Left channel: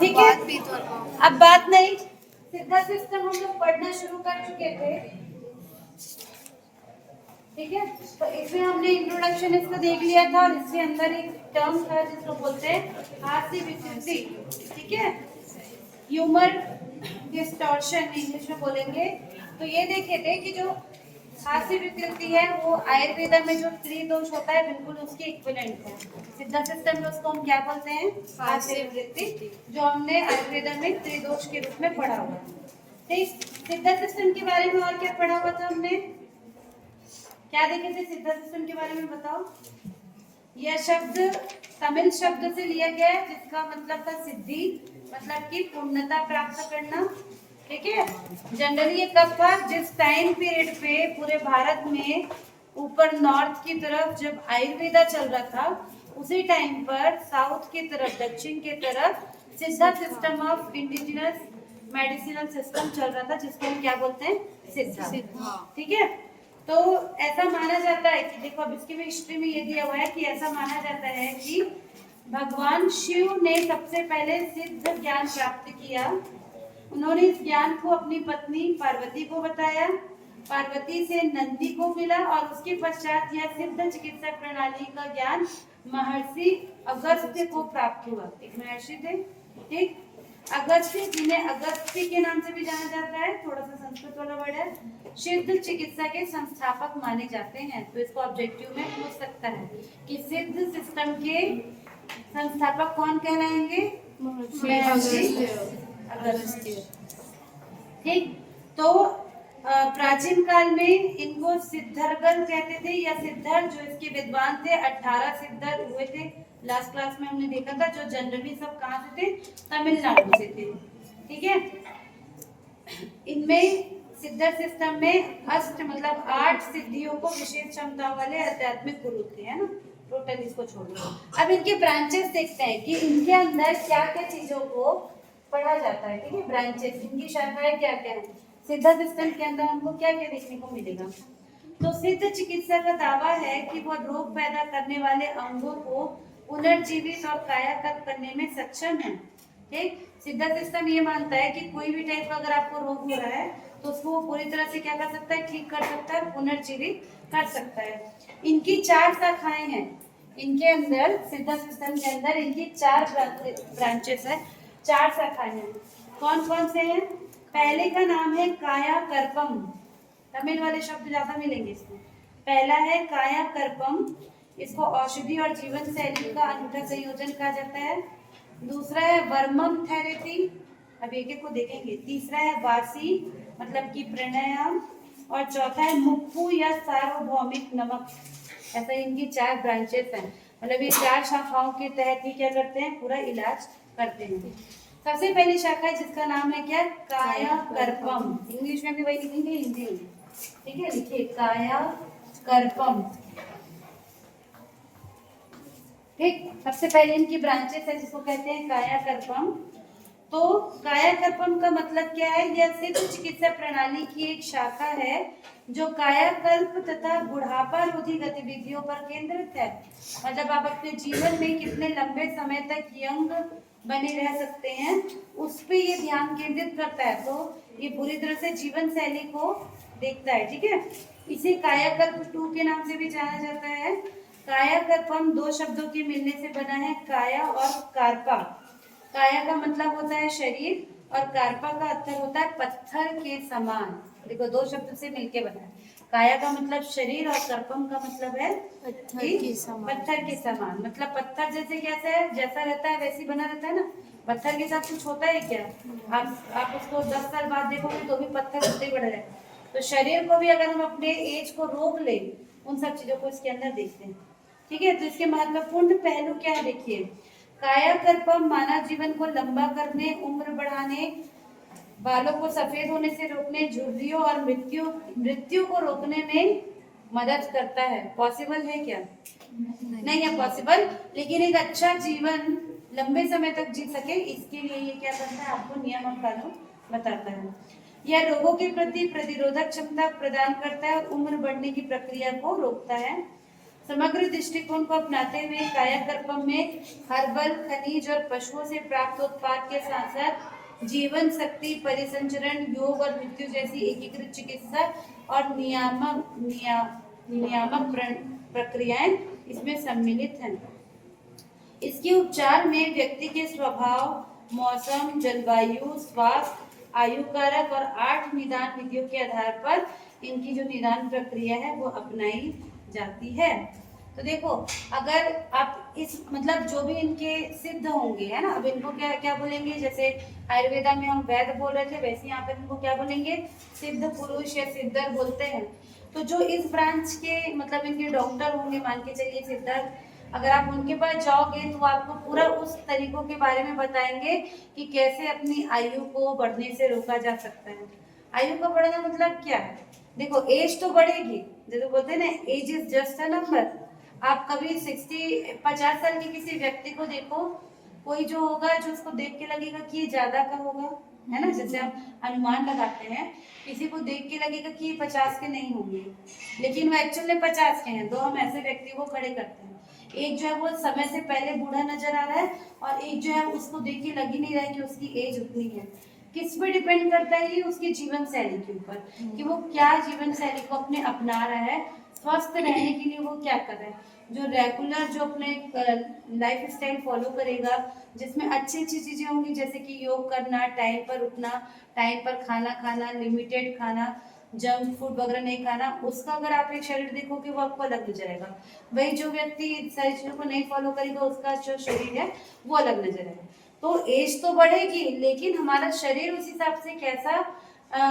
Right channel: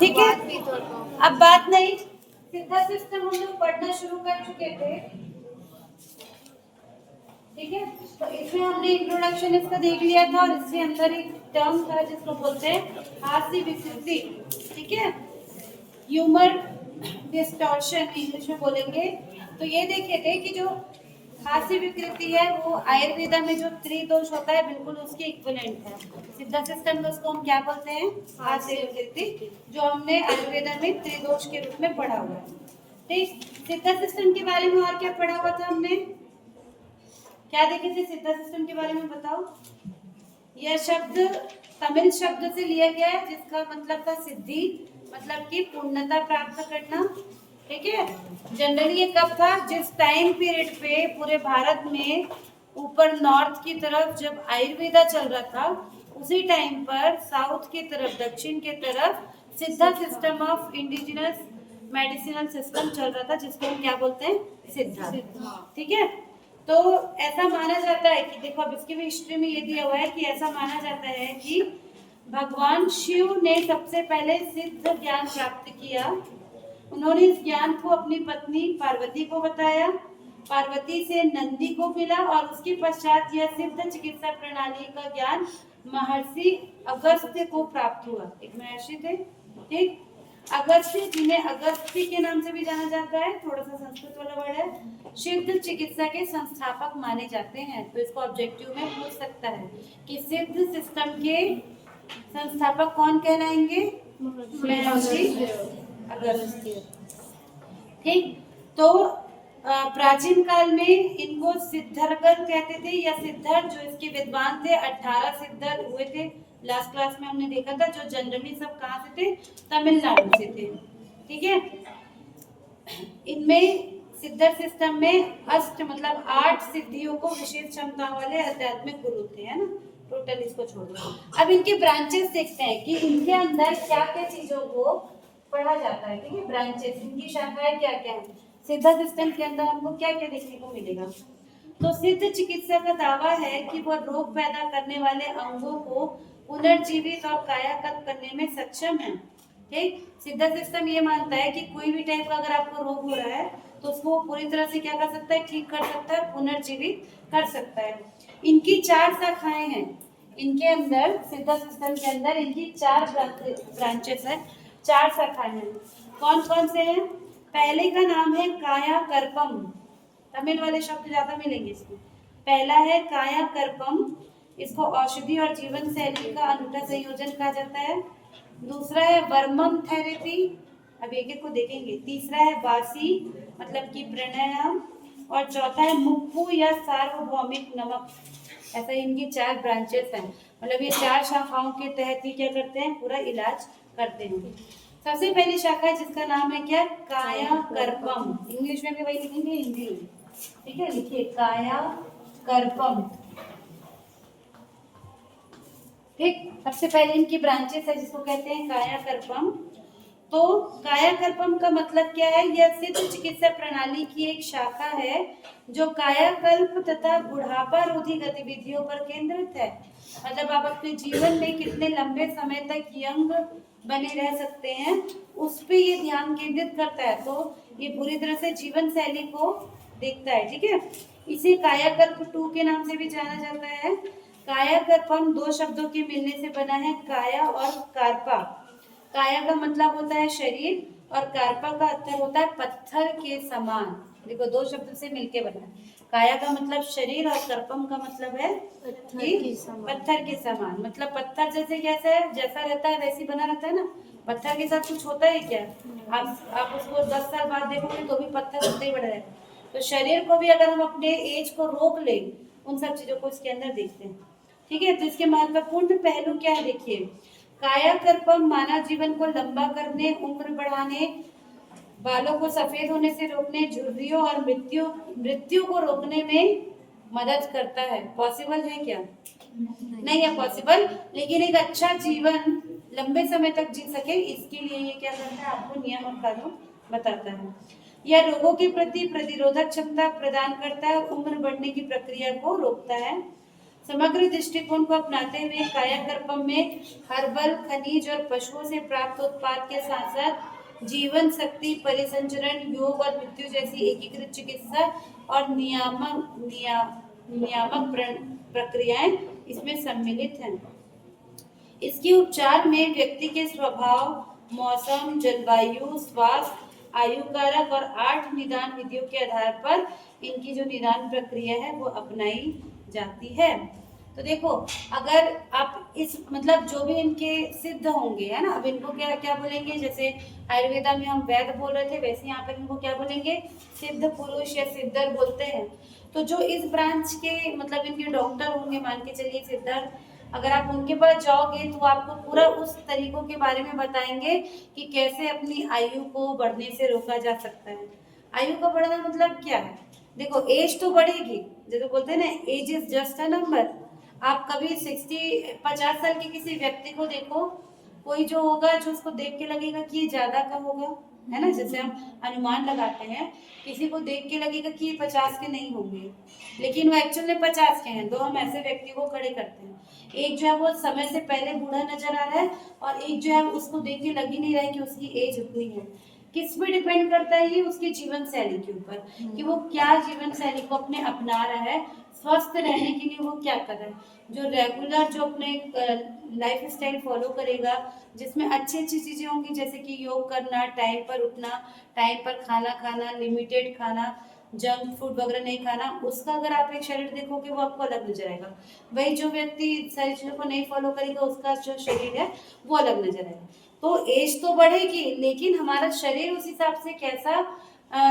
ठीक है, अब बात नहीं, सिद्धा सिस्टम हम लोग पढ़ना शुरू कर चुके थे, ठीक है। तो इसमें हमने इंट्रोडक्शन इसका देख लिया था और इसके अंदर एक टर्म था जिसको बोलते हैं हास्य विकृति, ठीक है, ह्यूमर डिस्टॉर्शन इंग्लिश में बोलेंगे। तो ये देखे थे कि जो हास्य विकृति है वो आयुर्वेदा में जो त्रिदोष होता है बिल्कुल उसके इक्विवेलेंट है। सिद्धा सिस्टम में उसको हम क्या बोलते हैं, हास्य विकृति, जो हमने आयुर्वेदा में त्रिदोष के रूप में पढ़ा हुआ है। ठीक, सिद्धा सिस्टम के बारे में और क्या पढ़ा हुआ था हमने, क्या देखे थे सिद्धा सिस्टम के बारे में बताओ। यह शब्द तमिल शब्द से लिया गया है जिसका मतलब था सिद्धि, मतलब कि पूर्णता प्राप्त करना, ठीक है। जनरली ये कब था, जिस टाइम पीरियड पे पूरे भारत में ऊपर नॉर्थ की तरफ जब आयुर्वेदा चल रहा था, उसी टाइम पर साउथ की तरफ, दक्षिण की तरफ सिद्धा system of indigenous medicinal system चल रहा था, जिसको हम क्या बोलते हैं, सिद्धा, ठीक है। तो ऐसा माना जाता है कि देखो अब इसकी भी हिस्ट्री में ये दिया हुआ है कि ऐसा माना जाता है कि भगवान शिव ने सबसे पहले सिद्ध ज्ञान प्राप्त किया। उन्होंने इस ज्ञान को अपनी पत्नी पार्वती को बताया, पार्वती से नंदी को मिला और उसके पश्चात यह सिद्ध चिकित्सा प्रणाली का ज्ञान महर्षि अगस्त्य को प्राप्त हुआ। एक महर्षि थे, ठीक, अगस्त्य, जिन्हें अगस्त्य के नाम से भी जाना जाता है, थोड़ा सा संस्कृत वाला वर्ड है, सिद्ध चिकित्सा के संस्थापक माने जाते हैं। तो इसको ऑब्जेक्टिव में पूछ सकता है कि सिद्ध सिस्टम के संस्थापक कौन कहलाएंगे, महर्षि अगस्त्य, ठीक। तो प्राचीन काल में इनको सिद्धर्गल कहते थे या सिद्धर, जो इसके विद्वान थे 18 सिद्धर हुए थे। लास्ट क्लास में हमने देखा था, जो जनरली सब कहाँ से थे, तमिलनाडु से थे, ठीक है। इनमें सिद्धर सिस्टम में अष्ट मतलब 8 सिद्धियों को विशेष क्षमता वाले आध्यात्मिक गुरु थे, है ना, टोटल इसको छोड़ दो। अब इनके ब्रांचेस देखते हैं कि इनके अंदर क्या क्या चीजों को पढ़ा जाता है, ठीक है। ब्रांचेस, इनकी शाखाएं क्या क्या है, सिद्धा सिस्टम के अंदर हमको क्या क्या देखने को मिलेगा। तो सिद्ध चिकित्सा का दावा है कि वह रोग पैदा करने वाले अंगों को पुनर्जीवित और कायाकल्प करने में सक्षम है, ठीक। सिद्धा सिस्टम ये मानता है कि कोई भी टाइप का अगर आपको रोग हो रहा है तो उसको पूरी तरह से क्या कर सकता है, ठीक कर सकता है, पुनर्जीवित कर सकता है। इनकी 4 शाखाएं हैं, इनके अंदर सिद्धा सिस्टम के अंदर इनकी 4 ब्रांचेस है, 4 शाखाएं हैं। कौन कौन से हैं, पहले का नाम है काया कर्पम, तमिल वाले शब्द ज्यादा मिलेंगे इसमें। पहला है काया कर्पम, इसको औषधि और जीवन शैली का अनूठा संयोजन कहा जाता है। दूसरा है वर्मम थेरेपी, अब एक एक को देखेंगे। तीसरा है वासी, मतलब कि प्राणायाम, और चौथा है मुक्कू या सार्वभौमिक नमक। ऐसा इनकी 4 ब्रांचेस हैं, मतलब ये 4 शाखाओं के तहत ही क्या करते हैं, पूरा इलाज करते हैं। सबसे पहली शाखा है जिसका नाम है क्या, काया कर्पम, इंग्लिश में भी वही लिखेंगे, हिंदी में, ठीक है, लिखिए काया कर्पम, ठीक। सबसे पहले इनकी ब्रांचेस है जिसको कहते हैं काया कर्पम। तो काया कर्पम का मतलब क्या है, यह सिद्ध चिकित्सा प्रणाली की एक शाखा है जो कायाकल्प तथा बुढ़ापा रोधी गतिविधियों पर केंद्रित है। मतलब आप अपने जीवन में कितने लंबे समय तक यंग बने रह सकते हैं उस पे ये ध्यान केंद्रित करता है। तो ये पूरी तरह से जीवन शैली को देखता है, ठीक है। इसे कायाकल्प 2 के नाम से भी जाना जाता है। कायाकल्पम 2 शब्दों के मिलने से बना है, काया और कार्पा। काया का मतलब होता है शरीर और कार्पा का अर्थ होता है पत्थर के समान। देखो 2 शब्द से मिलके बना है, काया का मतलब शरीर और कर्पम का मतलब है पत्थर के समान। मतलब पत्थर जैसे कैसा है, जैसा रहता है वैसे बना रहता है ना, पत्थर के साथ कुछ होता है क्या, आप उसको 10 साल बाद देखोगे तो भी पत्थर उतना ही बड़ा है। तो शरीर को भी अगर हम अपने एज को रोक ले, उन सब चीजों को इसके अंदर देखते हैं, ठीक है। तो इसके महत्वपूर्ण पहलू क्या है, देखिए, कायाकल्पम मानव जीवन को लंबा करने, उम्र बढ़ाने, बालों को सफेद होने से रोकने, झुर्रियों और मृत्यु को रोकने में मदद करता है। पॉसिबल है क्या, नहीं है पॉसिबल, लेकिन एक अच्छा जीवन लंबे समय तक जी सके इसके लिए ये क्या करता है, आपको नियम और कानून बताता है। यह रोगों के प्रति प्रतिरोधक क्षमता प्रदान करता है और उम्र बढ़ने की प्रक्रिया को रोकता है। समग्र दृष्टिकोण को अपनाते हुए कायाकल्पम में हर्बल, खनिज और पशुओं से प्राप्त उत्पाद के साथ साथ जीवन शक्ति, परिसंचरण, योग और मृत्यु जैसी एकीकृत चिकित्सा और नियामक प्रक्रियाएं इसमें सम्मिलित हैं। इसके उपचार में व्यक्ति के स्वभाव, मौसम, जलवायु, स्वास्थ्य, आयु कारक और 8 निदान विधियों के आधार पर इनकी जो निदान प्रक्रिया है वो अपनाई जाती है। तो देखो, अगर आप इस मतलब जो भी इनके सिद्ध होंगे, है ना, अब इनको क्या क्या बोलेंगे, जैसे आयुर्वेदा में हम वैद्य बोल रहे थे, वैसे यहाँ पर इनको क्या बोलेंगे, सिद्ध पुरुष या सिद्धर बोलते हैं। तो जो इस ब्रांच के मतलब इनके डॉक्टर होंगे, मान के चलिए सिद्धर, अगर आप उनके पास जाओगे तो आपको पूरा उस तरीकों के बारे में बताएंगे कि कैसे अपनी आयु को बढ़ने से रोका जा सकता है। आयु का बढ़ना मतलब क्या है, देखो एज तो बढ़ेगी, जैसे बोलते हैं ना, age is just a number. आप कभी 50 साल के किसी व्यक्ति को देखो, कोई जो होगा जो उसको देख के लगेगा कि ये ज्यादा का होगा, है ना, जैसे हम अनुमान लगाते हैं, किसी को देख के लगेगा कि ये 50 के नहीं होंगे, लेकिन वो एक्चुअल में 50 के हैं। तो हम ऐसे व्यक्ति को खड़े करते हैं, एक जो है वो समय से पहले बूढ़ा नजर आ रहा है, और एक जो है उसको देख के लग ही नहीं रहा है कि उसकी एज उतनी है। किस पे डिपेंड करता है ये, उसकी जीवन शैली के ऊपर, कि वो क्या जीवन शैली को अपने अपना रहा है, स्वस्थ रहने के लिए वो क्या कर रहा है। जो रेगुलर जो अपने लाइफ स्टाइल फॉलो करेगा, जिसमें अच्छी अच्छी चीजें होंगी, जैसे कि योग करना, टाइम पर उठना, टाइम पर खाना खाना, लिमिटेड खाना, जंक फूड वगैरह नहीं खाना, उसका अगर आप एक शरीर देखोगे वो आपको अलग नजर आएगा। वही जो व्यक्ति सारी चीजों को नहीं फॉलो करेगा, उसका जो शरीर है वो अलग नजर आएगा। तो एज तो बढ़ेगी, लेकिन हमारा शरीर उस हिसाब से कैसा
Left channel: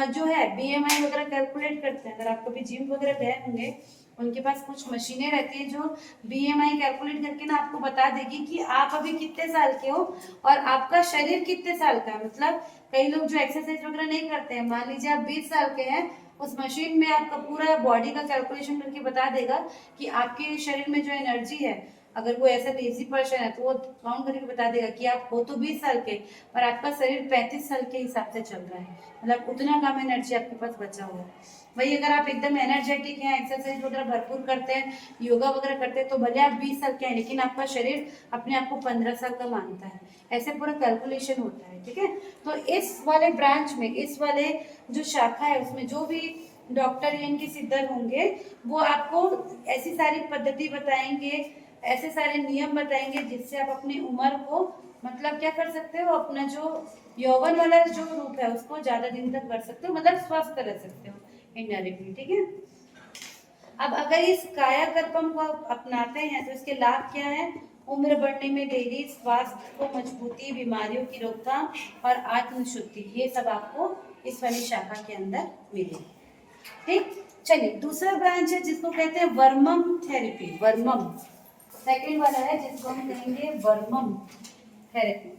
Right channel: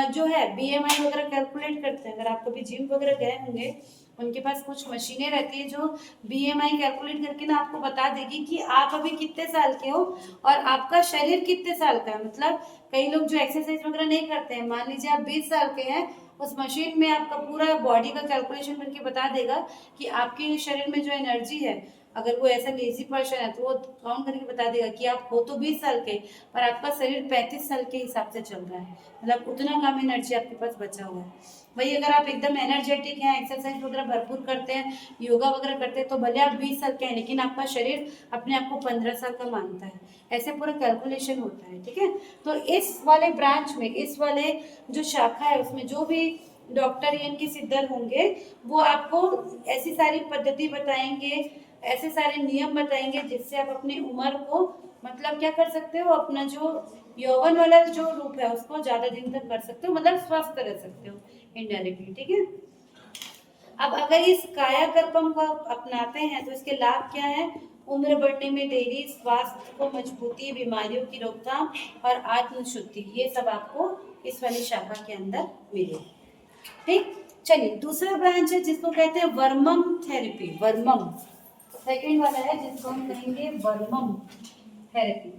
जो है BMI वगैरह कैलकुलेट करते हैं। अगर आप कभी जिम वगैरह गए होंगे, उनके पास कुछ मशीनें रहती है जो BMI कैलकुलेट करके ना आपको बता देगी कि आप अभी कितने साल के हो और आपका शरीर कितने साल का है। मतलब कई लोग जो एक्सरसाइज वगैरह नहीं करते हैं, मान लीजिए आप 20 साल के हैं, उस मशीन में आपका पूरा बॉडी का कैलकुलेशन करके बता देगा कि आपके शरीर में जो एनर्जी है, अगर वो ऐसा लेजी पर्सन है तो वो काउंट करके बता देगा कि आप हो तो 20 साल के, पर आपका शरीर 35 साल के हिसाब से चल रहा है, मतलब उतना कम एनर्जी आपके पास बचा हुआ है। वही अगर आप एकदम एनर्जेटिक हैं, एक्सरसाइज वगैरह भरपूर करते हैं, योगा वगैरह करते हैं, तो भले आप 20 साल के हैं, लेकिन आपका शरीर अपने आप को 15 साल का मानता है। ऐसे पूरा कैलकुलेशन होता है, ठीक है। तो इस वाले ब्रांच में, इस वाले जो शाखा है, उसमें जो भी डॉक्टर या इनके सिद्धर होंगे, वो आपको ऐसी सारी पद्धति बताएंगे, ऐसे सारे नियम बताएंगे, जिससे आप अपनी उम्र को मतलब क्या कर सकते हो, अपना जो यौवन वाला जो रूप है उसको ज्यादा दिन तक कर सकते हो, मतलब स्वस्थ रह सकते हो इनडायरेक्टली, ठीक है। अब अगर इस कायाकल्पम को अपनाते हैं तो इसके लाभ क्या है, उम्र बढ़ने में देरी, स्वास्थ्य को मजबूती, बीमारियों की रोकथाम और आत्मशुद्धि, ये सब आपको इस वाली शाखा के अंदर मिले, ठीक। चलिए, दूसरा ब्रांच है जिसको कहते हैं वर्मम थेरेपी। वर्मम सेकंड वाला है जिसको हम कहेंगे वर्मम थेरेपी,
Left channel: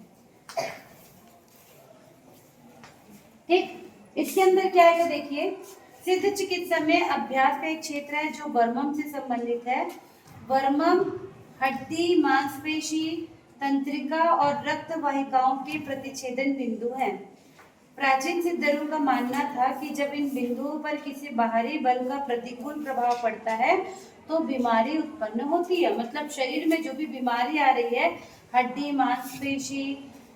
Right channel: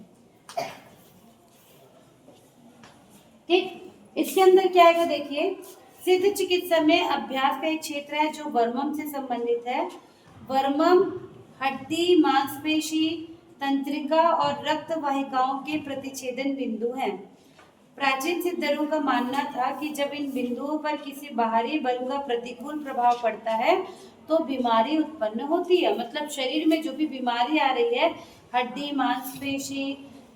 ठीक। इसके अंदर क्या है देखिए, सिद्ध चिकित्सा में अभ्यास का एक क्षेत्र है जो वर्मम से संबंधित है। वर्मम हड्डी, मांसपेशी, तंत्रिका और रक्त वाहिकाओं के प्रतिच्छेदन बिंदु हैं। प्राचीन सिद्धरों का मानना था कि जब इन बिंदुओं पर किसी बाहरी बल का प्रतिकूल प्रभाव पड़ता है तो बीमारी उत्पन्न होती है। मतलब शरीर में जो भी बीमारी आ रही है, हड्डी, मांसपेशी,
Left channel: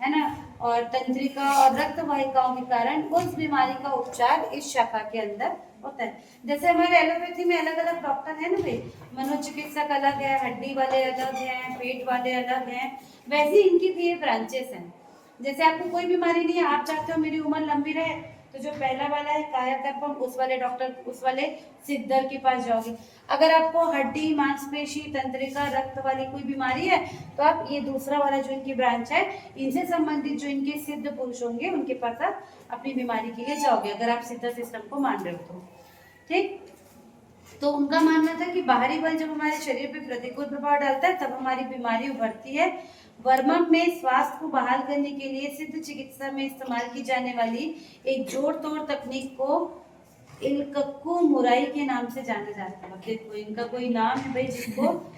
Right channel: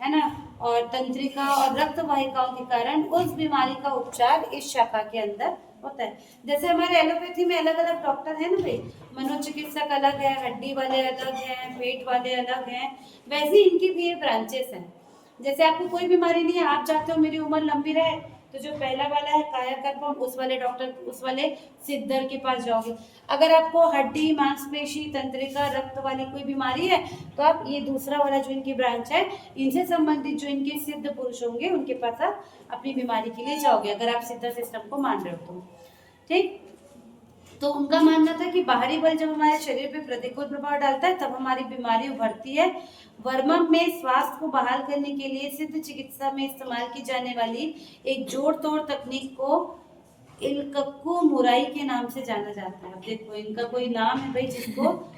है ना, और तंत्रिका और रक्त वाहिकाओं के कारण, उस बीमारी का उपचार इस शाखा के अंदर होता है। जैसे हमारे एलोपैथी में अलग अलग डॉक्टर है ना भाई, मनोचिकित्सक अलग है, हड्डी वाले अलग हैं, पेट वाले अलग हैं, वैसे इनकी भी ये ब्रांचेस हैं। जैसे आपको कोई बीमारी नहीं है, आप चाहते हो मेरी उम्र लंबी रहे, तो जो पहला वाला है कायाकल्पम, उस वाले डॉक्टर, उस वाले सिद्धर के पास जाओगे। अगर आपको हड्डी, मांसपेशी, तंत्रिका, रक्त वाली कोई बीमारी है, तो आप ये दूसरा वाला जो इनकी ब्रांच है, इनसे संबंधित जो इनके सिद्ध पुरुष होंगे, उनके पास आप अपनी बीमारी के लिए जाओगे, अगर आप सिद्ध सिस्टम को मान रहे हो तो, ठीक। तो उनका मानना था कि बाहरी बल जब हमारे शरीर पे प्रतिकूल प्रभाव डालता है, तब हमारी बीमारी उभरती है। वर्मम में स्वास्थ्य को बहाल करने के लिए सिद्ध चिकित्सा में इस्तेमाल की जाने वाली एक जोड़ तोड़ तकनीक को इलकक्कू मुराई के नाम से जाना जाता है। देखो, इनका कोई नाम है भाई, जिसको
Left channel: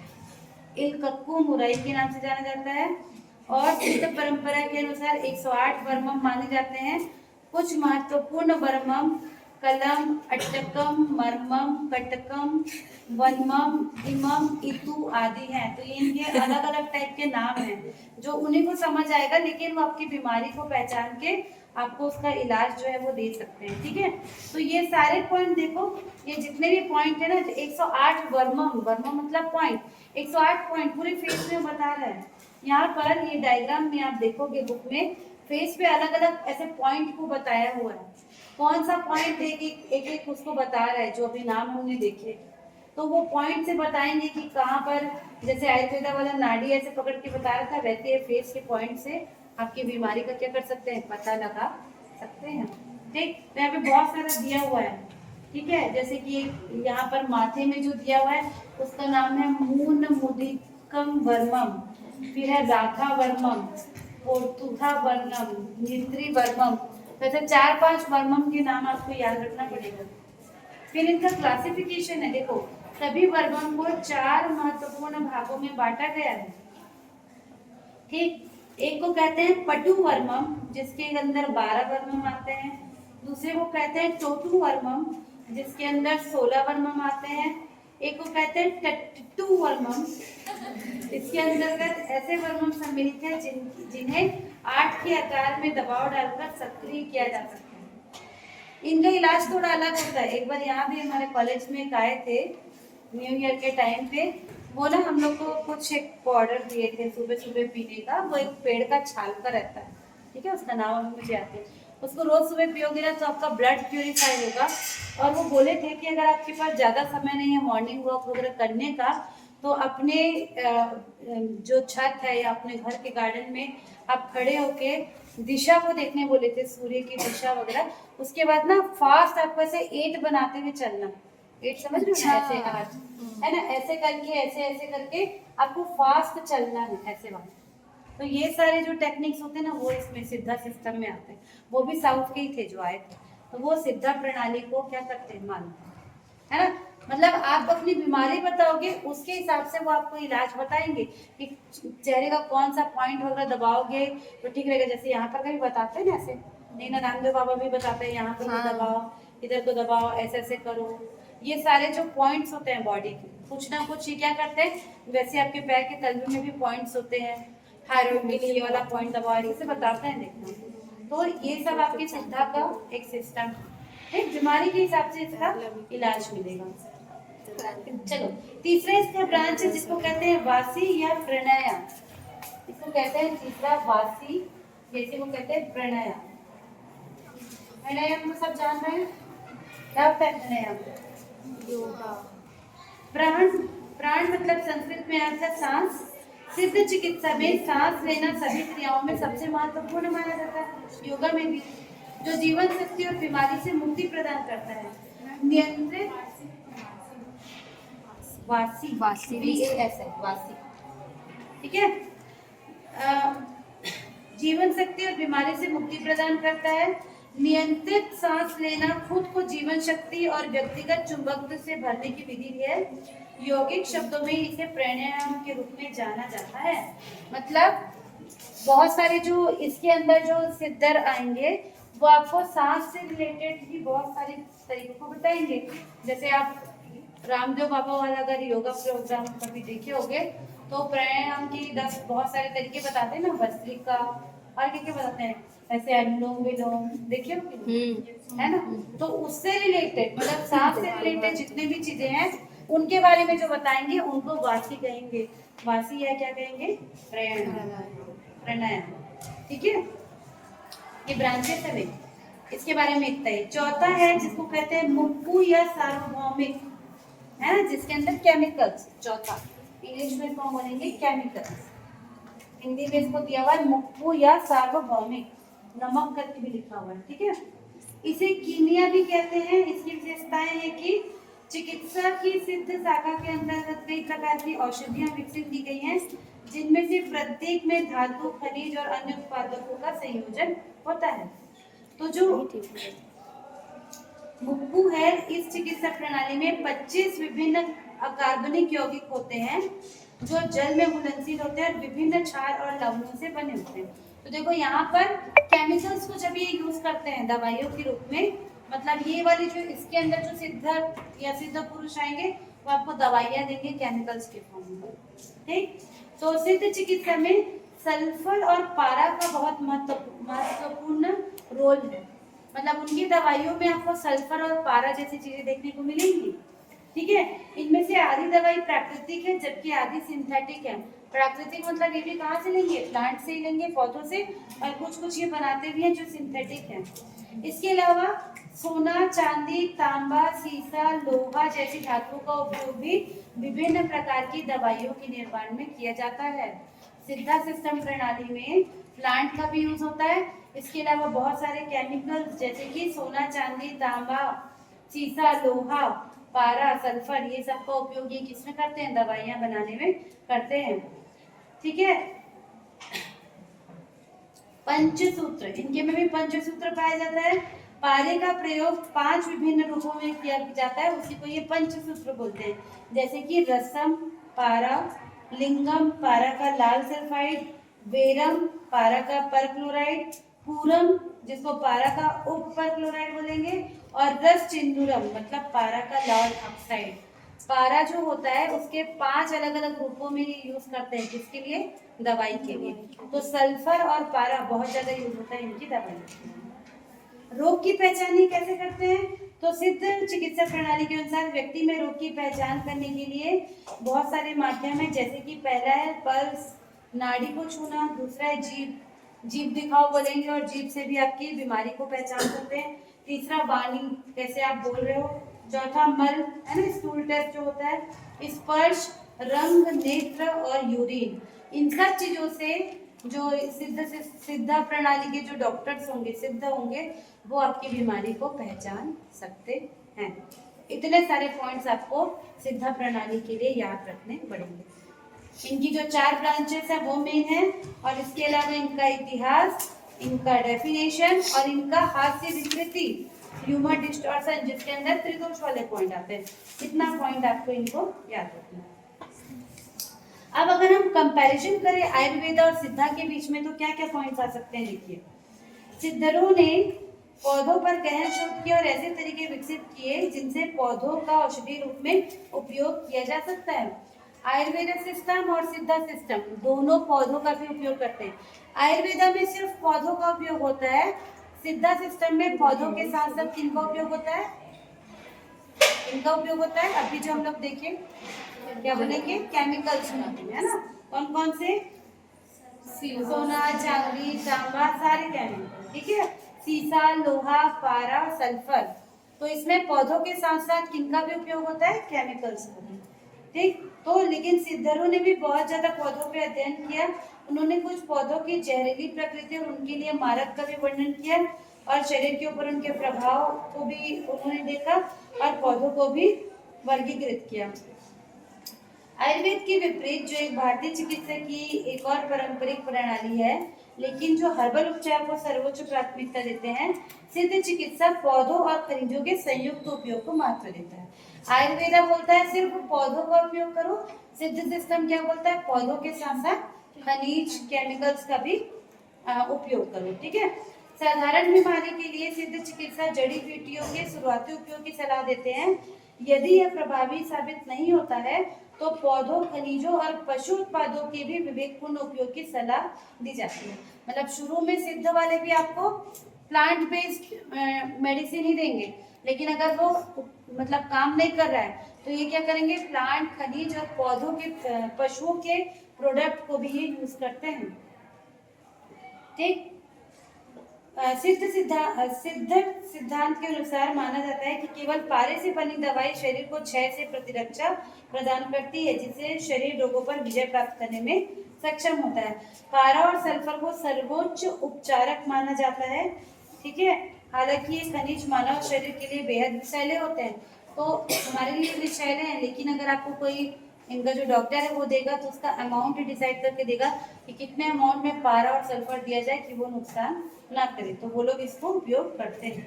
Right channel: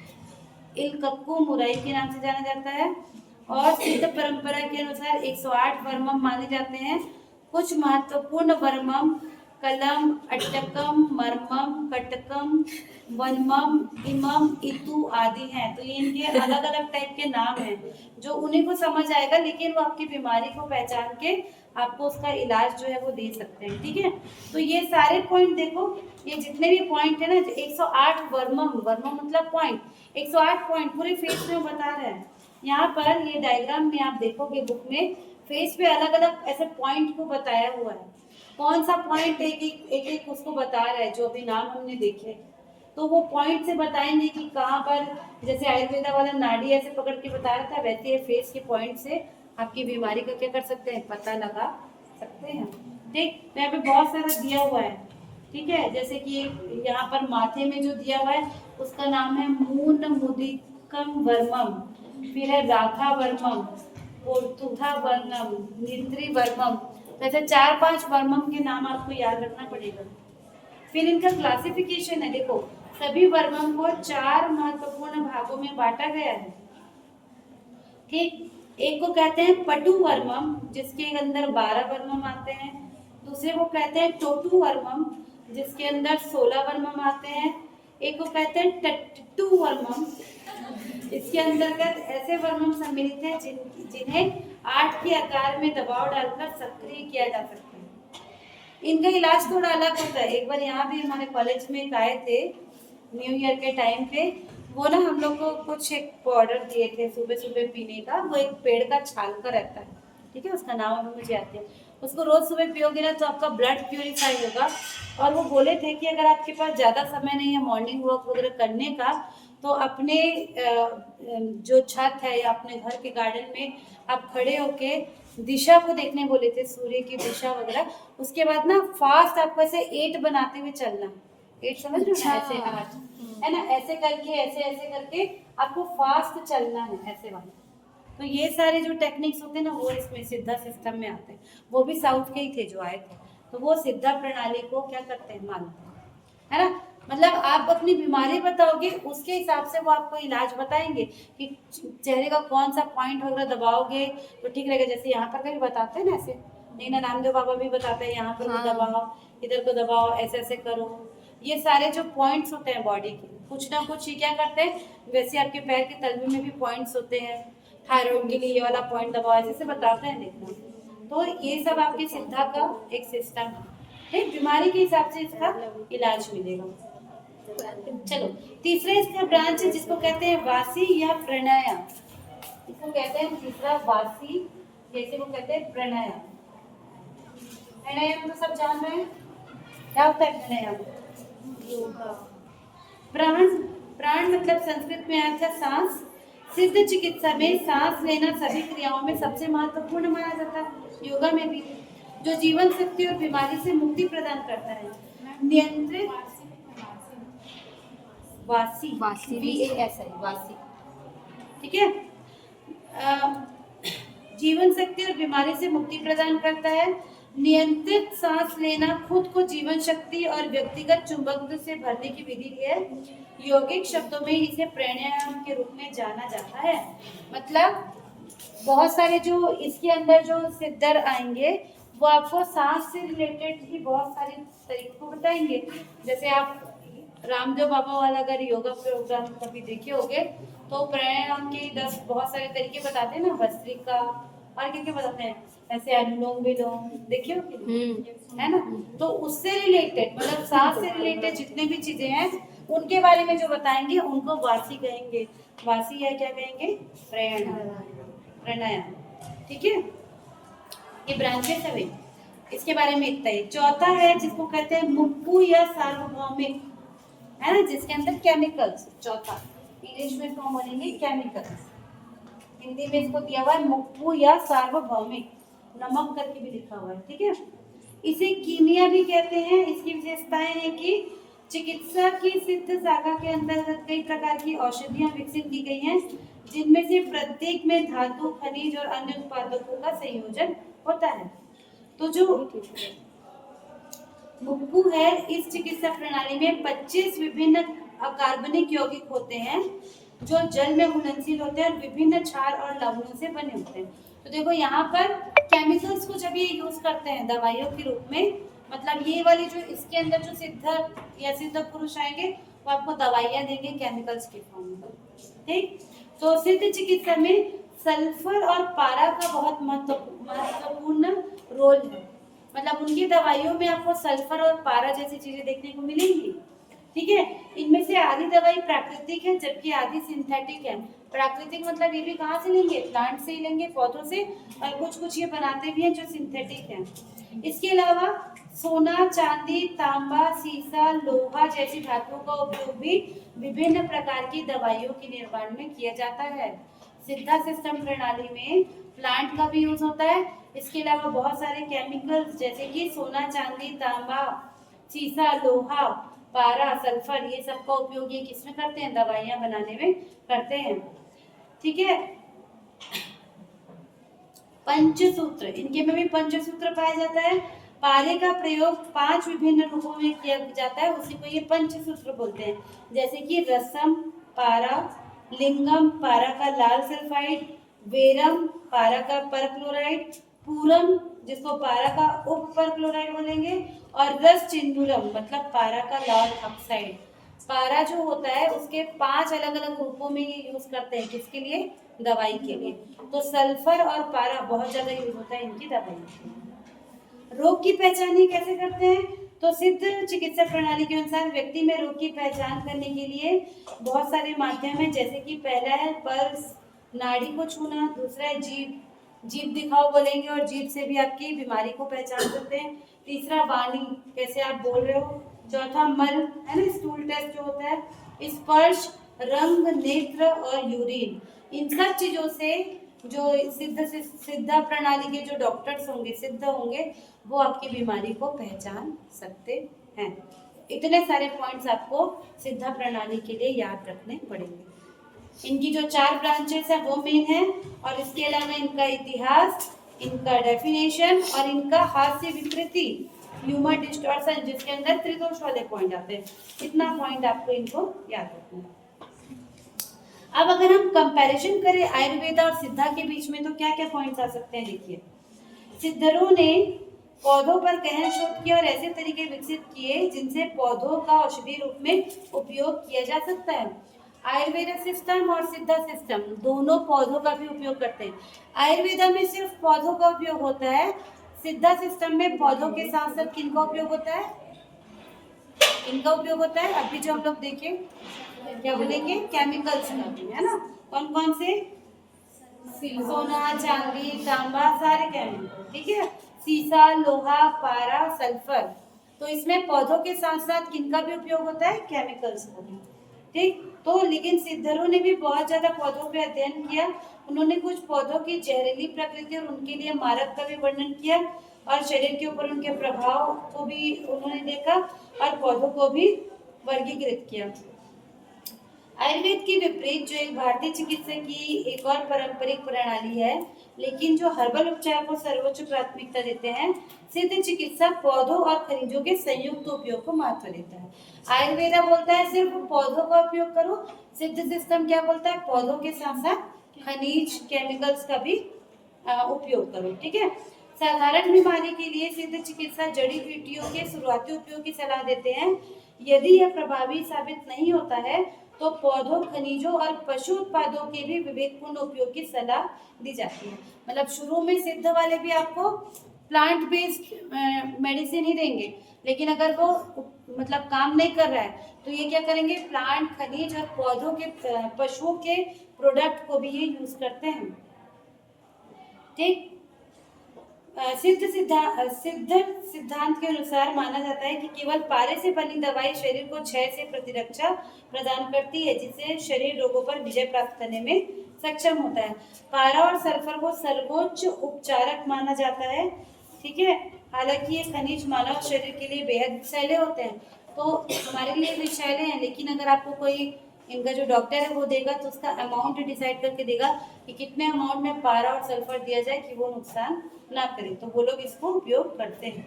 इलकक्कू मुराई के नाम से जाना जाता है। और सिद्ध परंपरा के अनुसार 108 वर्मम माने जाते हैं। कुछ महत्वपूर्ण वर्मम कलम, अट्टकम, मरमम, कटकम, वनमम, हिमम, इतु आदि हैं। तो ये इनके अलग अलग टाइप के नाम हैं जो उन्हीं को समझ आएगा, लेकिन वो आपकी बीमारी को पहचान के आपको उसका इलाज जो है वो दे सकते हैं। ठीक है, तो ये सारे पॉइंट देखो, ये जितने भी पॉइंट है ना, 108 वर्मम, वर्मम मतलब पॉइंट, 108 पॉइंट पूरे फेस में बता रहा है। यहाँ पर ये डायग्राम में आप देखोगे बुक में, फेस पे अलग अलग ऐसे पॉइंट को बताया हुआ है, कौन सा पॉइंट एक उसको बता रहा है, जो अभी नाम हमने देखे। तो वो पॉइंट से बताएंगे कि कहाँ पर, जैसे आयुर्वेदा वाला नाड़ी ऐसे पकड़ के बता रहा था, वैसे ये फेस के पॉइंट से आपकी बीमारी का क्या कर सकते हैं, पता लगा सकते हैं। ठीक, तो यहाँ पे बहुत सारा दिया हुआ है। ठीक है, जैसे कि यहाँ पर माथे में जो दिया हुआ है उसका नाम है मून मुदिकम वर्मम, फिर है राधा वर्मम, पोर्थुथा वर्मम, निद्री वर्मम। जैसे 4-5 वर्मम के नाम आपको याद रखना पड़ेगा। फिर इनका क्लासिफिकेशन है, देखो सभी वर्मम को 4 महत्वपूर्ण भागों में बांटा गया है। ठीक, एक को कहते हैं पटु वर्मम, जिसके अंदर 12 वर्मम आते हैं। दूसरे को कहते हैं टोटू वर्मम, जिसके अंदर 16 वर्मम आते हैं। एक को कहते हैं टट्टू वर्मम, इसके अंतर्गत ऐसे वर्मम सम्मिलित हैं जिन्हें 8 के आकार में दबाव डालकर सक्रिय किया जा सकता है। इनका इलाज थोड़ा अलग होता है। एक बार यहाँ भी हमारे कॉलेज में एक आए थे न्यू ईयर के टाइम पे, वो ना हम लोग को कुछ एक पाउडर दिए थे सुबह सुबह पीने का, वो एक पेड़ का छाल का रहता है। ठीक है, उसका नाम अभी मुझे याद है। उसको रोज सुबह पियोगे ना तो आपका ब्लड प्यूरिफाई होगा। और वो बोले थे कि अगर आपके पास ज़्यादा समय नहीं है मॉर्निंग वॉक वगैरह करने का, तो अपने जो छत है या अपने घर के गार्डन में आप खड़े होके दिशा को देखने बोले थे, सूर्य की दिशा वगैरह। उसके बाद ना फास्ट आपको ऐसे 8 बनाते हुए चलना, 8 समझ रहे हो, ऐसे हाथ है ना, ऐसे करके ऐसे ऐसे करके आपको फास्ट चलना है, ऐसे वाला। तो ये सारे जो टेक्निक्स होते हैं ना, वो इसमें सिद्धा सिस्टम में आते हैं। वो भी साउथ के ही थे जो आए थे, तो वो सिद्धा प्रणाली को क्या करते हैं, मानते हैं, है ना। मतलब आप अपनी बीमारी बताओगे, उसके हिसाब से वो आपको इलाज बताएंगे कि चेहरे का कौन सा पॉइंट वगैरह दबाओगे तो ठीक रहेगा। जैसे यहाँ पर भी बताते हैं ना, ऐसे नीना रामदेव बाबा भी बताते हैं, यहाँ पर दबाओ, इधर को दबाओ, ऐसे ऐसे करो। ये सारे जो पॉइंट्स होते हैं बॉडी के, कुछ ना कुछ ये क्या करते हैं, वैसे आपके पैर के तलवे में भी पॉइंट्स होते हैं, थायराइड के लिए ये वाला पॉइंट दबाओ, ऐसे बताते हैं, देखना। तो ये सब आपके सिद्धा का एक सिस्टम है, बीमारी के हिसाब से इसका इलाज मिलेगा। चलो, तीसरा इसका ब्रांच है जिसको कहते हैं वासी या प्राणायाम। इसको कहते हैं तीसरा वासी, जैसे वो कहते हैं प्राणायाम। प्राणायाम तो सब जान रहे हैं, क्या होता है प्राणायाम, योगा। प्राण, प्राण मतलब संस्कृत में आया था सांस। सिद्ध चिकित्सा में सांस लेना सभी क्रियाओं में सबसे महत्वपूर्ण माना जाता है, योगा में भी, जो जीवन शक्ति और बीमारी से मुक्ति प्रदान करता है। नियंत्रित वासी, वासी वासी, ठीक है। जीवन शक्ति और बीमारी से मुक्ति प्रदान करता है। नियंत्रित सांस लेना खुद को जीवन शक्ति और व्यक्तिगत चुंबकत्व से भरने की विधि है। यौगिक शब्दों में इसे प्राणायाम के रूप में जाना जाता है। मतलब बहुत सारे जो इसके अंदर जो सिद्धर आएंगे वो आपको सांस से रिलेटेड ही बहुत सारे तरीकों को बताएंगे। जैसे आप रामदेव बाबा वाला अगर योगा प्रोग्राम कभी देखे होगे तो प्राणायाम के 10 बहुत सारे तरीके बताते हैं ना, भस्त्रिका और क्या बताते हैं, ऐसे अनुलोम विलोम देखे होगे, है ना। तो उससे रिलेटेड, मतलब सांस से रिलेटेड जितने भी चीजें हैं उनके बारे में जो बताएंगे उनको वासी कहेंगे। वासी या क्या कहेंगे, प्राणायाम। ठीक है, ये ब्रांचेस है, इसके बारे में इतना ही। चौथा है जिसको कहते हैं मुप्पू या सार्वभौमिक, है ना, जिसके अंदर केमिकल्स। चौथा इंग्लिश में फॉर्म बनेंगे केमिकल्स, हिंदी में इसको दिया हुआ है मुप्पू या सार्वभौमिक, नमक करके भी लिखा हुआ है। ठीक है, इसे कीमिया भी कहते हैं। इसकी विशेषताएं है कि चिकित्सा की सिद्ध शाखा के अंतर्गत कई प्रकार की औषधियां विकसित की गई हैं, जिनमें से प्रत्येक में धातु, खनिज और अन्य उत्पादकों का संयोजन होता है। तो जो मुप्पू है, इस चिकित्सा प्रणाली में 25 विभिन्न अकार्बनिक यौगिक होते हैं जो जल में घुलनशील होते हैं और विभिन्न क्षार और लवणों से बने होते हैं। तो देखो यहाँ पर केमिकल्स को जब ये यूज करते हैं दवाइयों के रूप में, मतलब ये वाली जो इसके अंदर जो सिद्ध या सिद्ध पुरुष आएंगे वो आपको दवाइयाँ देंगे केमिकल्स के फॉर्म में। ठीक, तो सिद्ध चिकित्सा में सल्फर और पारा का बहुत महत्वपूर्ण रोल है। मतलब उनकी दवाइयों में आपको सल्फर और पारा जैसी चीजें देखने को मिलेंगी। ठीक है, इनमें से आधी दवाई प्राकृतिक है जबकि आधी सिंथेटिक है। प्राकृतिक मतलब ये भी कहाँ से लेंगे, प्लांट से ही लेंगे, पौधों से, और कुछ कुछ ये बनाते भी हैं जो सिंथेटिक है। इसके अलावा सोना, चांदी, तांबा, सीसा, लोहा जैसी धातुओं का उपयोग भी विभिन्न प्रकार की दवाइयों के निर्माण में किया जाता है। सिद्धा सिस्टम प्रणाली में प्लांट का भी यूज होता है। इसके अलावा बहुत सारे केमिकल्स जैसे कि सोना, चांदी, तांबा, सीसा, लोहा, पारा, सल्फर, ये सब का उपयोग ये किसमें करते हैं, दवाइयां बनाने में करते हैं। ठीक है, पंचसूत्र, इनके में भी पंचसूत्र पाया जाता है। पारे का प्रयोग 5 विभिन्न रूपों में किया जाता है, उसी को ये पंचसूत्र बोलते हैं। जैसे कि रसम पारा, लिंगम पारा का लाल सल्फाइड, वेरम पारा का परक्लोराइड, पूरम जिसको पारा का उप परक्लोराइड बोलेंगे, और रस चिंदूरम मतलब पारा का लाल ऑक्साइड। पारा जो होता है उसके 5 अलग अलग रूपों में ये यूज करते हैं, किसके लिए, दवाई के लिए। तो सल्फर और पारा बहुत ज्यादा यूज होता है इनकी दवाई के लिए। रोग की पहचान ये कैसे करते हैं, तो सिद्ध चिकित्सा प्रणाली के अनुसार व्यक्ति में रोग की पहचान करने के लिए बहुत सारे माध्यम है। जैसे कि पहला है पल्स, नाड़ी को छूना, दूसरा है जीभ, जीभ दिखाओ बोलेंगे और जीभ से भी आपकी बीमारी को पहचान सकते हैं। तीसरा वाणी, कैसे आप बोल रहे हो। चौथा मल है ना, स्टूल टेस्ट जो होता है। स्पर्श, रंग, नेत्र और यूरिन, इन सब चीजों से जो सिद्ध प्रणाली के जो डॉक्टर्स होंगे, सिद्ध होंगे, वो आपकी बीमारी को पहचान सकते हैं। इतने सारे पॉइंट्स आपको सिद्ध प्रणाली के लिए याद रखने पड़ेंगे। इनकी जो 4 ब्रांचेस है वो मेन है, और इसके अलावा इनका इतिहास, इनका डेफिनेशन और इनका हास्य विकृति, ह्यूमर डिस्टॉर्शन, जिसके अंदर त्रिदोष वाले पॉइंट आते हैं। इतना पॉइंट आपको इनको याद रखना है। अब अगर हम कंपैरिजन करें आयुर्वेद और सिद्धा के बीच में तो क्या क्या पॉइंट्स आ सकते हैं, देखिए। सिद्धरों ने पौधों पर गहन शोध किया और ऐसे तरीके विकसित किए जिनसे पौधों का औषधि रूप में उपयोग किया जा सकता है। आयुर्वेद सिस्टम और सिद्धा सिस्टम दोनों पौधों का भी उपयोग करते हैं। आयुर्वेदा में सिर्फ पौधों का उपयोग होता है, सिद्धा सिस्टम में पौधों के साथ साथ किनका उपयोग होता है, इनका उपयोग होता है। अभी जो हम लोग देखें क्या बोलेंगे, केमिकल्स है ना, कौन कौन से, सोना, चांदी, तांबा, सारे केमिकल। ठीक है, सीसा, लोहा, पारा, सल्फर, तो इसमें पौधों के साथ साथ किनका भी उपयोग होता है, केमिकल्स का भी। ठीक, तो लेकिन सिद्धरों ने भी बहुत ज्यादा पौधों पे अध्ययन किया। उन्होंने कुछ पौधों की जहरीली प्रकृति और उनके लिए मारक का भी वर्णन किया, और शरीर के ऊपर उनके प्रभाव को भी उन्होंने देखा, और पौधों को भी वर्गीकृत किया। आयुर्वेद के विपरीत जो एक भारतीय चिकित्सा की एक और पारंपरिक प्रणाली है, लेकिन जो हर्बल उपचार को सर्वोच्च प्राथमिकता देते हैं, सिद्ध चिकित्सा पौधों और खनिजों के संयुक्त उपयोग को महत्व देता है। आयुर्वेदा बोलता है सिर्फ पौधों का उपयोग करो, सिद्ध सिस्टम क्या बोलता है, पौधों के साथ साथ खनिज, केमिकल्स का भी उपयोग करो। ठीक है, साधारण बीमारी के लिए सिद्ध चिकित्सा जड़ी बूटियों के शुरुआती उपयोग की सलाह देते हैं। यदि यह प्रभावी साबित नहीं होता है तो पौधों, खनिजों और पशु उत्पादों के भी विवेकपूर्ण उपयोग की सलाह दी जाती है। मतलब शुरू में सिद्ध वाले भी आपको प्लांट बेस्ड मेडिसिन ही देंगे, लेकिन अगर वो मतलब काम नहीं कर रहा है तो ये क्या करेंगे, प्लांट, खनिज और पौधों के, पशुओं के प्रोडक्ट को भी ये यूज करते हैं। ठीक, सिद्ध सिद्धांत के अनुसार माना जाता है कि केवल पारे से बनी दवाई शरीर को क्षय से प्रतिरक्षा प्रदान करती है, जिससे शरीर रोगों पर विजय प्राप्त करने में सक्षम होता है। पारा और सल्फर को सर्वोच्च उपचारक माना जाता है। ठीक है, हालांकि ये खनिज मानव शरीर के लिए बेहद विषैले होते हैं, तो हमारे लिए विषैले हैं, लेकिन अगर आपको कोई इनका जो डॉक्टर है वो देगा तो उसका अमाउंट डिसाइड करके देगा कि कितने अमाउंट में पारा और सल्फर दिया जाए कि वो नुकसान ना करे, तो वो लोग इसको उपयोग करते हैं।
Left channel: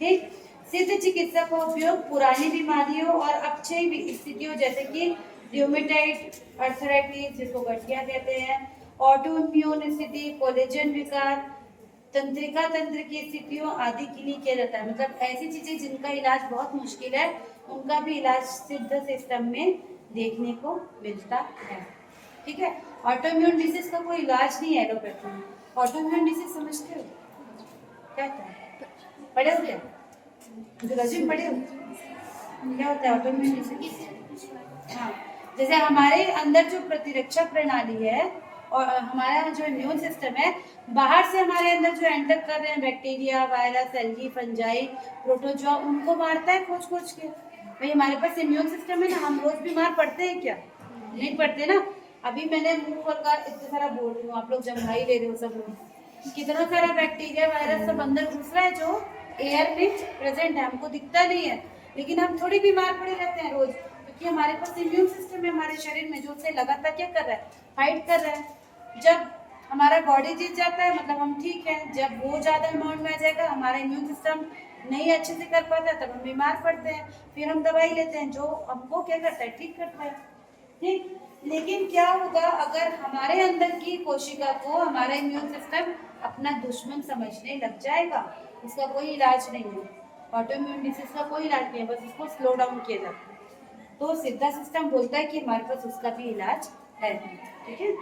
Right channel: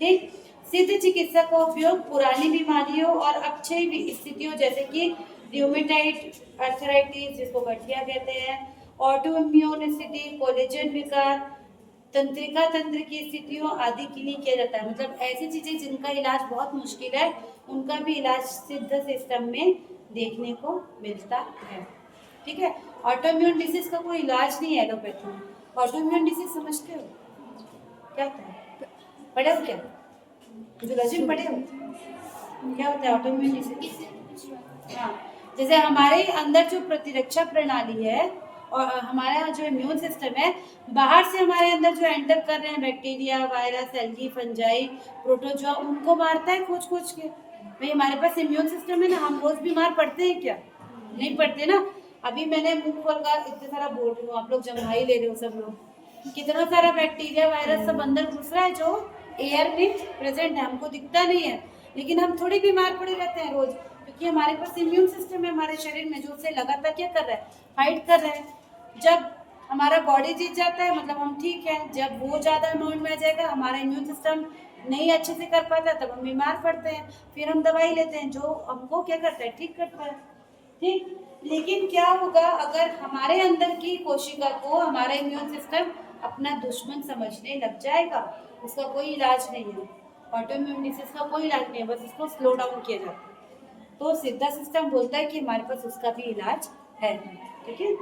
ठीक, सिद्ध चिकित्सा का उपयोग पुरानी बीमारियों और अक्षय स्थितियों जैसे कि र्यूमेटाइड आर्थराइटिस, जिसको गठिया कहते हैं, ऑटो इम्यून स्थिति, कोलेजन विकार, तंत्रिका तंत्र की स्थितियों आदि के लिए किया जाता है। मतलब ऐसी चीजें जिनका इलाज बहुत मुश्किल है उनका भी इलाज सिद्ध सिस्टम में देखने को मिलता है। ठीक है, ऑटोइम्यून डिसीज का कोई इलाज नहीं है एलोपैथी में। ऑटोइम्यून डिसीज समझते हो क्या होता है? पढ़े हो क्या? फिजियोलॉजी में पढ़े हो क्या होता है ऑटोइम्यून डिसीज? हाँ, जैसे हमारे अंदर जो प्रतिरक्षा प्रणाली है और हमारा जो इम्यून सिस्टम है, बाहर से हमारे अंदर जो एंटर कर रहे हैं bacteria, virus, algae, fungi, protozoa, उनको मारता है खोज खोज के। भाई हमारे पास इम्यून सिस्टम है ना, हम रोज बीमार पड़ते हैं क्या? नहीं पड़ते ना। अभी मैंने मुंह खोल कर इतना सारा बोल रही हूँ, आप लोग जम्हा ही ले रहे हो सब लोग। कितना सारा बैक्टीरिया, वायरस सब अंदर घुस रहा है जो एयर में प्रेजेंट है, हमको दिखता नहीं है, लेकिन हम थोड़ी बीमार पड़े रहते हैं रोज, क्योंकि हमारे पास इम्यून सिस्टम है हमारे शरीर में जो उसे लगातार क्या कर रहा है, फाइट कर रहा है। जब हमारा बॉडी जीत जाता है मतलब हम ठीक है, जब वो ज्यादा अमाउंट में आ जाएगा, हमारा इम्यून सिस्टम नहीं अच्छे से कर पाता, तब हम बीमार पड़ते हैं, फिर हम दवाई लेते हैं जो हमको क्या करता है, ठीक करता है। ठीक, लेकिन क्या होगा अगर हमारे अंदर की कोशिका को हमारा इम्यून सिस्टम अपना दुश्मन समझने लग जाएगा? उसका कोई इलाज नहीं है, ऑटोइम्यून डिसीज का कोई इलाज नहीं है, बस उसको स्लो डाउन किया जाता है। तो सिद्धा सिस्टम बोलता है कि हमारे पास उसका भी इलाज है। ठीक है,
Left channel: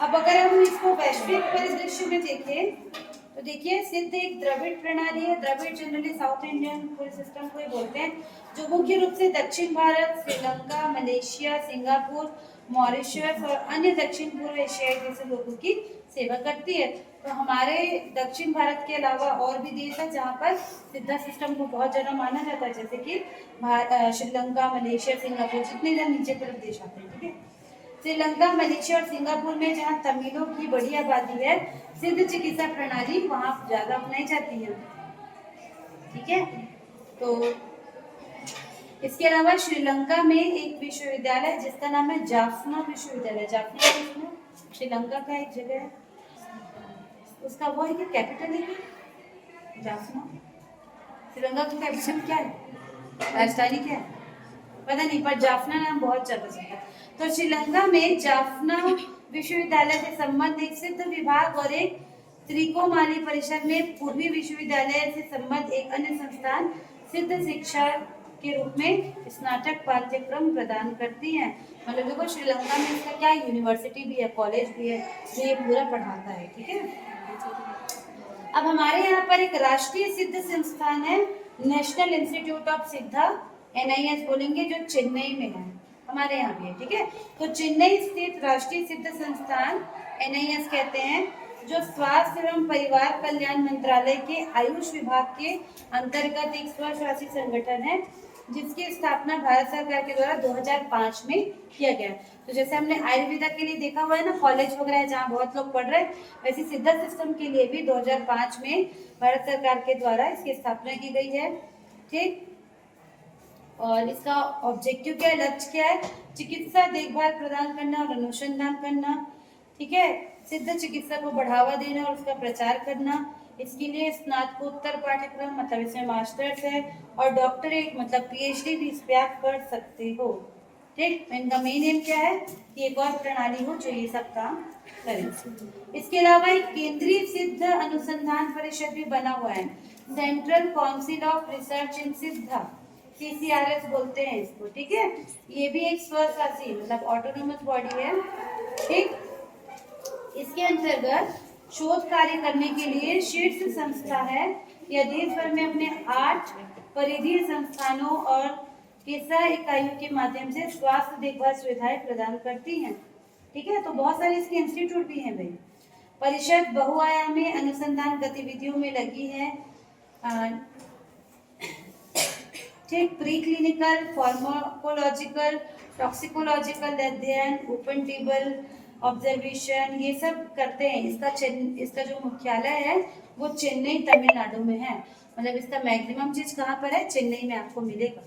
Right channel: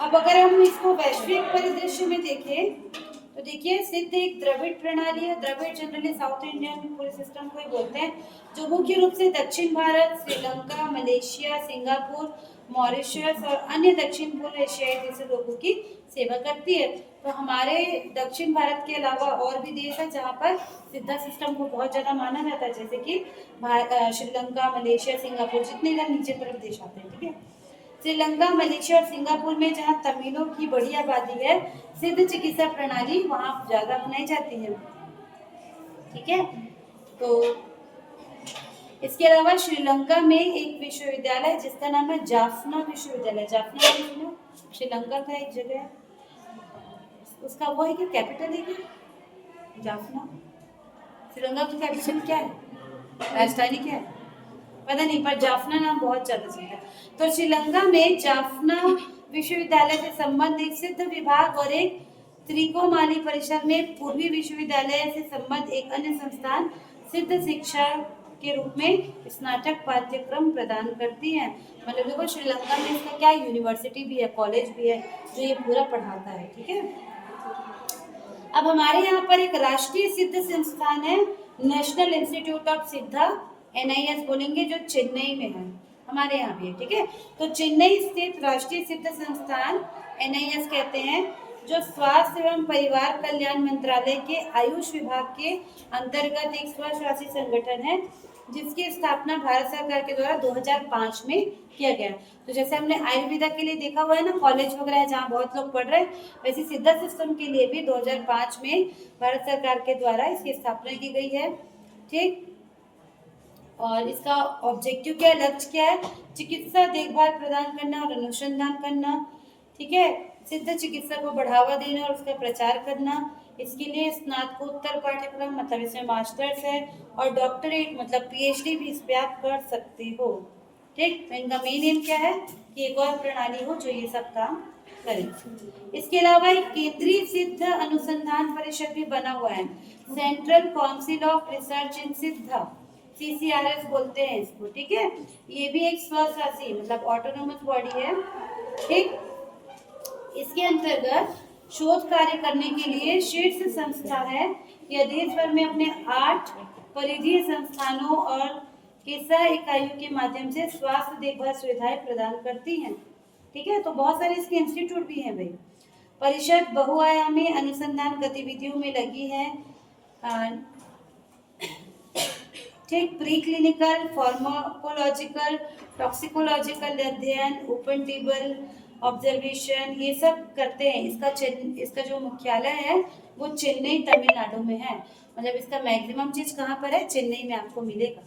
अब अगर हम इसको वैश्विक परिदृश्य में देखें तो देखिए सिद्ध एक द्रविड़ प्रणाली है। द्रविड़ जनरली साउथ इंडियन पूरे सिस्टम को ही बोलते हैं, जो मुख्य रूप से दक्षिण Bharat, Sri Lanka, Malaysia, Singapore, Mauritius और अन्य दक्षिण पूर्व एशियाई देशों लोगों की सेवा करती है। तो हमारे दक्षिण भारत के अलावा और भी देश है जहाँ पर सिद्धा सिस्टम को बहुत ज्यादा माना जाता है, जैसे कि श्रीलंका, मलेशिया, सिंगापुर, जितने इधर नीचे तरफ देश आते हैं। ठीक है, श्रीलंका, मलेशिया और सिंगापुर में जहाँ तमिलों की बड़ी आबादी है, सिद्ध चिकित्सा प्रणाली वहाँ ज्यादा अपनाई जाती है। ठीक है, तो इसके अलावा श्रीलंका में एक विश्वविद्यालय है जिसका नाम है जाफना विश्वविद्यालय। जाफना श्रीलंका का एक जगह है, उसका वो है कि कैपिटल है क्या जाफना? श्रीलंका की कैपिटल क्या है, राजधानी क्या है पता नहीं, पर जाफना नाम बहुत ज्यादा सुनता है। तो श्रीलंका में जाफना विश्वविद्यालय से संबंध एक सिद्ध विभाग और एक त्रिकोमाली परिसर में पूर्वी विश्वविद्यालय से संबंध एक अन्य संस्थान सिद्ध शिक्षा के रूप में स्नातक पाठ्यक्रम प्रदान करती है। मतलब देखो श्रीलंका में इसका क्या यूनिवर्सिटी भी है, कॉलेज भी है, जो ये पूरा पढ़ाता है। ठीक है, अब हमारे यहाँ पर एक राष्ट्रीय सिद्ध संस्थान है, नेशनल इंस्टीट्यूट ऑफ सिद्धा, NIS बोलेंगे, जो चेन्नई में है, हमारे यहाँ भी है। ठीक है, तो चेन्नई स्थित राष्ट्रीय सिद्ध संस्थान NIS कहते हैं, जो स्वास्थ्य एवं परिवार कल्याण मंत्रालय के आयुष विभाग के अंतर्गत एक स्वशासी संगठन है, जिसकी स्थापना भारत सरकार के द्वारा 2005 में किया गया। तो जैसे हमने आयुर्वेदा के लिए देखा हुआ है ना, कॉलेज वगैरह जहाँ बहुत लोग पढ़ रहे हैं, वैसे सिद्धा सिस्टम के लिए भी 2005 में भारत सरकार के द्वारा इसकी स्थापना की गई है। ठीक, और इसका ऑब्जेक्टिव क्या है, लक्ष्य क्या है, चिकित्सा देखभाल प्रदान करना और अनुसंधान करना। ठीक है, सिद्ध चिकित्सा को बढ़ावा देना और उसका प्रचार करना। इसके लिए स्नातकोत्तर पाठ्यक्रम मतलब इसमें मास्टर्स है, और डॉक्टरेट मतलब PhD भी इस पे आप कर सकते हो। ठीक, इनका मेन एम क्या है कि एक और प्रणाली हो जो ये सब काम करे। इसके अलावा एक केंद्रीय सिद्ध अनुसंधान परिषद भी बना हुआ है, सेंट्रल काउंसिल ऑफ रिसर्च इन सिद्धा, CCRS बोलते हैं इसको। ठीक है, ये भी एक स्वशासी मतलब ऑटोनोमस बॉडी है। ठीक, इसके अंतर्गत शोध कार्य करने के लिए शीर्ष संस्था है। यह देश भर में अपने 8 परिधीय संस्थानों और केसरा इकाइयों के माध्यम से स्वास्थ्य देखभाल सुविधाएं प्रदान करती हैं। ठीक है, तो बहुत सारे इसके इंस्टीट्यूट भी हैं भाई। परिषद बहुआयामी अनुसंधान गतिविधियों में लगी है। ठीक, प्री क्लिनिकल, फार्माकोलॉजिकल, टॉक्सिकोलॉजिकल अध्ययन, ओपन टेबल ऑब्जर्वेशन, ये सब करते हैं। इसका जो मुख्यालय है वो चेन्नई तमिलनाडु में है। मतलब इसका मैक्सिमम चीज कहाँ पर है, चेन्नई में आपको मिलेगा।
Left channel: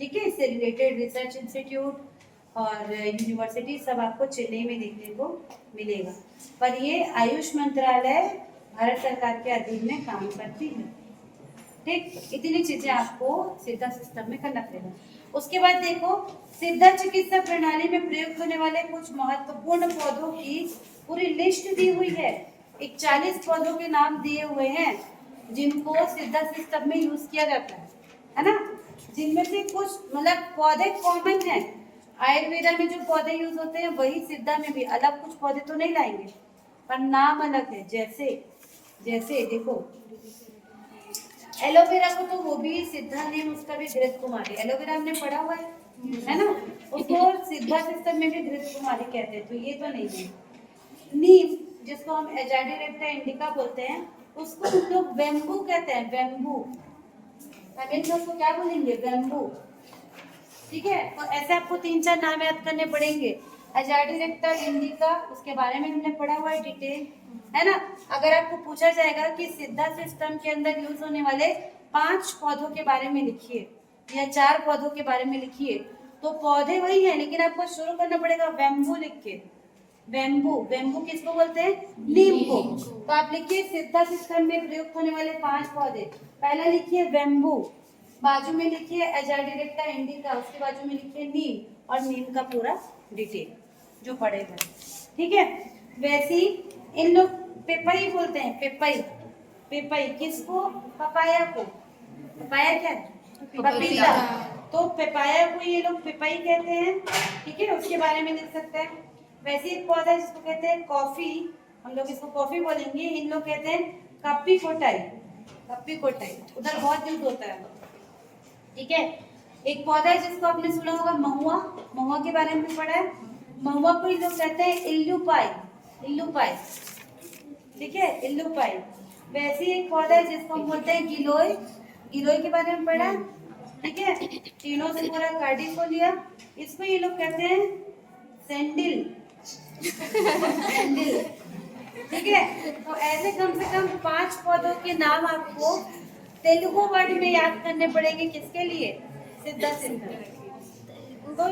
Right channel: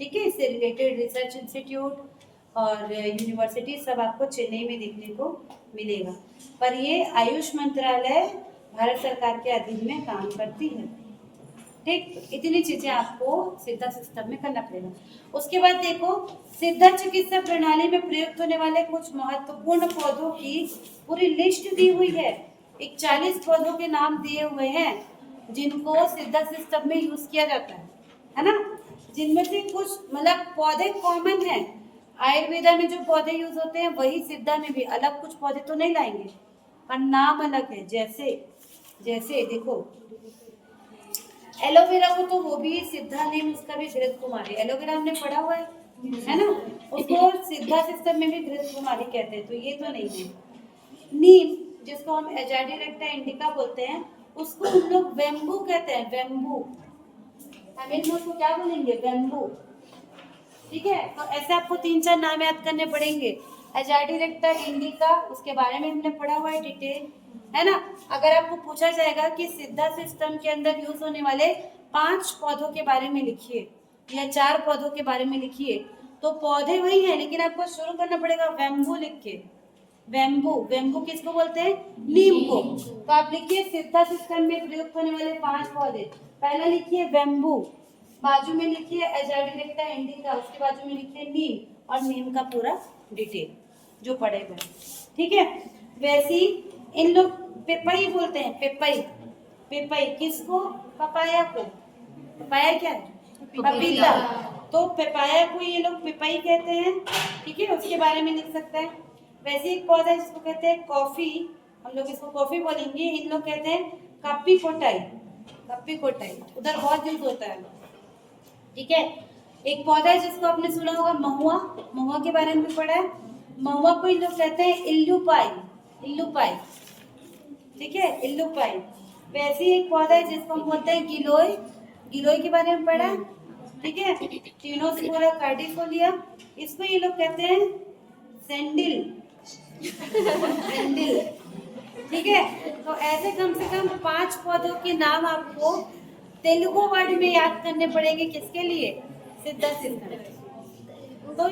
ठीक है, इससे रिलेटेड रिसर्च इंस्टीट्यूट और यूनिवर्सिटी सब आपको चेन्नई में देखने को मिलेगा। पर ये आयुष मंत्रालय भारत सरकार के अधीन में काम करती है। ठीक, इतनी चीजें आपको सिद्धा सिस्टम में करना पड़ेगा। उसके बाद देखो, सिद्धा चिकित्सा प्रणाली में प्रयुक्त होने वाले कुछ महत्वपूर्ण पौधों की पूरी लिस्ट दी हुई है, 41 पौधों के नाम दिए हुए हैं जिनको सिद्धा सिस्टम में यूज किया जाता है ना। जिनमें से कुछ मतलब पौधे कॉमन है, आयुर्वेदा में जो पौधे यूज होते हैं वही सिद्धा में भी, अलग कुछ पौधे तो नहीं लाएंगे पर नाम अलग है। जैसे जैसे देखो एलोवेरा को तो वो भी सिद्धा नेम उसका भी घृत कुमारी, एलोवेरा हमने पढ़ा हुआ है ना, उसको सिद्धा सिस्टम में भी घृत कुमारी कहते हैं, तो ये तो नहीं है। नीम जिसको हम एजाडिरेक्टा इंडिका बोलते हैं उसको हम लोग बेम्बू कहते हैं, बेम्बू। हम उसको क्या बोलेंगे, बेम्बू। ठीक है, तो ऐसे आपको 3-4 नाम याद करने पड़ेंगे। एजाडिरेक्टा इंडिका उसके बारे में हमने पढ़ा हुआ है डिटेल, है ना। अगर आपको पूछा जाएगा कि सिद्धा सिस्टम के अंदर यूज होने वाले 5 पौधों के बारे में लिखिए या 4 पौधों के बारे में लिखिए, तो पौधे वही है लेकिन आपको शुरू करना पड़ेगा बेम्बू लिख के। बेम्बू, बेम्बू किसको बोलते हैं, नीम को। तो आप लिखिए सिद्धा सिस्टम में प्रयुक्त होने वाले 5 पौधे। पहला लिखिए बेम्बू, बाजू में लिखिए एजाडिरेक्टा इंडिका, उसके बाजू में लिखिए नीम और नीम का पूरा डिटेल जो पड़ेगा। ठीक है, वैसे ही इन लोग पेपई बोलते हैं, पेपई। पेपई किसको, पपाया को। पपाया क्या है, पपीता। तो पेपाया को ये लोग पेपई कहते हैं। ठीक है, उसके बारे में लिख सकते हैं। वैसे एक पौधा है जिसको कहते हैं कॉफी, हम लोग इसको कॉफी बोलेंगे, इन लोग कहते हैं कप्पी कोटाई। कप्पी कोटाई उधर बहुत यूज होता है। ठीक है, एक पौधा है जिसको आपने सुना होगा महुआ, महुआ के बारे में पढ़ा है। महुआ को इन लोग कहते हैं इल्लुपाई, इल्लुपाई। ठीक है, इल्लुपाई। वैसे ही एक पौधा है जिसको हम बोलते हैं गिलोय, गिलोय के बारे में पढ़ा है। ठीक है, टिनोस्पोरा कार्डिफोलिया, इसको ये लोग कहते हैं सैंडिल, सैंडिल। ठीक है, तो ऐसे कम से कम 5 पौधों के नाम आपको तेलुगु वर्ड में याद करने पड़ेंगे, किसके लिए, सिद्धा सिस्टम। तो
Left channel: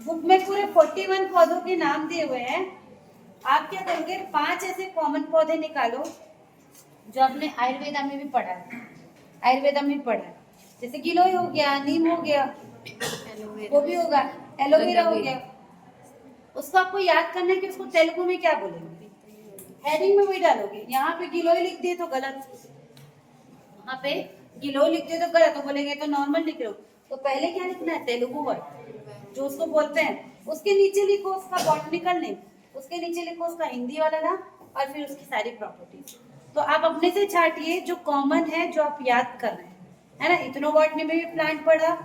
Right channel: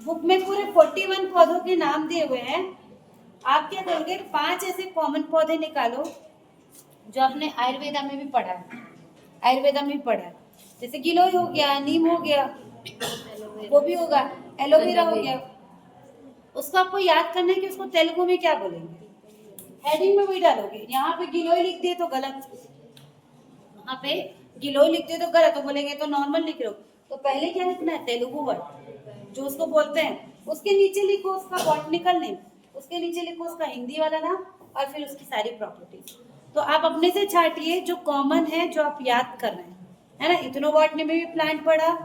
बुक में पूरे 41 पौधों के नाम दिए हुए हैं। आप क्या करोगे, 5 ऐसे कॉमन पौधे निकालो जो आपने आयुर्वेदा में भी पढ़ा है, आयुर्वेदा में भी पढ़ा है। जैसे गिलोय हो गया, नीम हो गया, वो भी होगा, एलोवेरा हो गया। उसको आपको याद करना है कि उसको तेलुगु में क्या बोलेंगे, हेडिंग में वही डालोगे। यहाँ पे गिलोय लिख दिए तो गलत, यहाँ पे गिलोय लिख दिए तो गलत, तो बोलेंगे तो नॉर्मल लिख लो। तो पहले क्या लिखना है, तेलुगु वर्ड जो उसको बोलते हैं, उसके नीचे लिखो उसका बॉटनिकल नेम, उसके नीचे लिखो उसका हिंदी वाला नाम और फिर उसकी सारी प्रॉपर्टीज। तो आप अपने से छाटिए जो कॉमन है, जो आप याद कर रहे हैं, है ना। इथनो बॉटनी में भी प्लांट पढ़ा,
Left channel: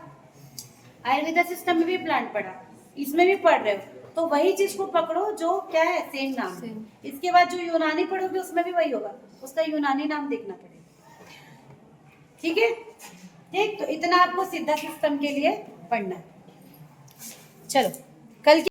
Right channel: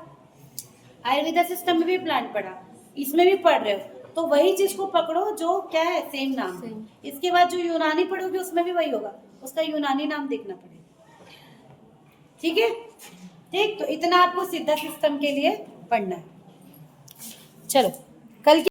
आयुर्वेदा सिस्टम में भी प्लांट पढ़ा, इसमें भी पढ़ रहे हो, तो वही चीज को पकड़ो जो क्या है, सेम नाम। इसके बाद जो यूनानी पढ़ोगे उसमें भी वही होगा, उसका यूनानी नाम देखना पड़ेगा। ठीक है, ठीक, तो इतना आपको सिद्धा सिस्टम के लिए पढ़ना है। चलो कल